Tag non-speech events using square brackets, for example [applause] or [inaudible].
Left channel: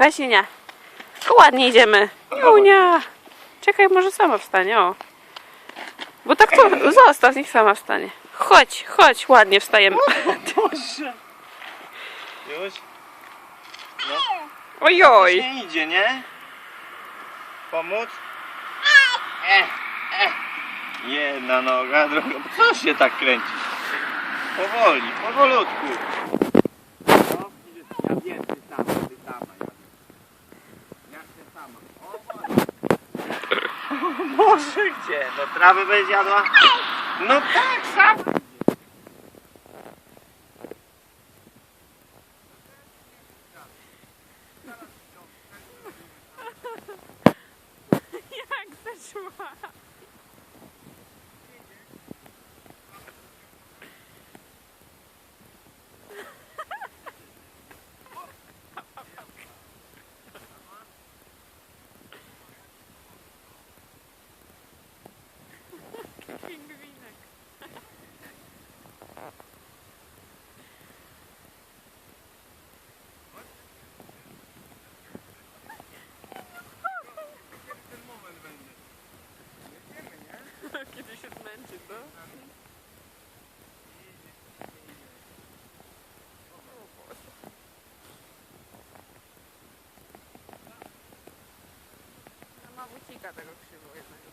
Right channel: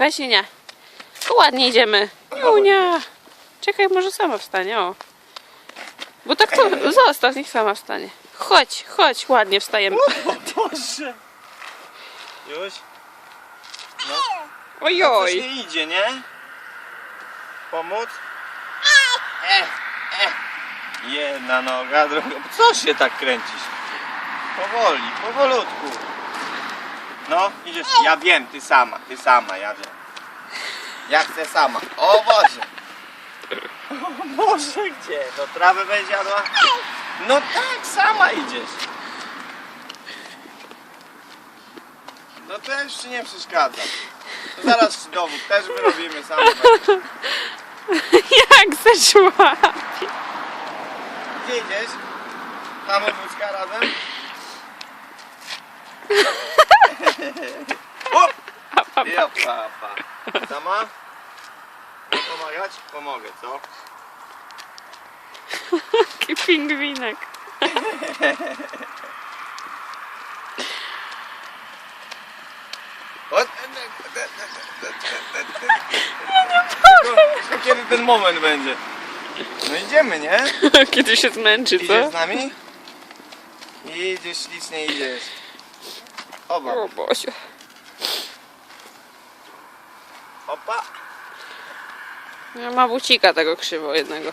Chodź, nie. Ładnie idziemy. Junia. Czekaj, może sama wstanie, o. Bo tak to [laughs] zostaw, niech sama wstanie. Chodź, chodź, ładnie wstajemy. [laughs] Boże! Już? No. Ojoj. Coś nie idzie, nie? Pomóc? E, e. Jedna noga, druga. Co się tak kręcisz? Powoli, powolutku. No, idziesz. Ja wiem, ty sama, ty sama, ja wiem. Ja chcę sama. O Boże! O [laughs] Boże, gdzie? No trawę będzie jadła? No tak, sama idziesz. No to już ci nie przeszkadza. To zaraz ci dowód też wyrobimy sami. [laughs] Jak zeszła. Gdzie idziesz? Mamy wózka razem? [laughs] Hop! Ja, pa, pa. Sama? Pomagać? Pomogę, co? Taki pingwinek. Tylko Kiedy ten moment będzie? No idziemy, nie? [laughs] Kiedy się zmęczy, Idziesz co? z nami? Idziesz, ślicznie idziesz. Oba. O Boże. Opa. Ja ma bucika tego krzywo jednego.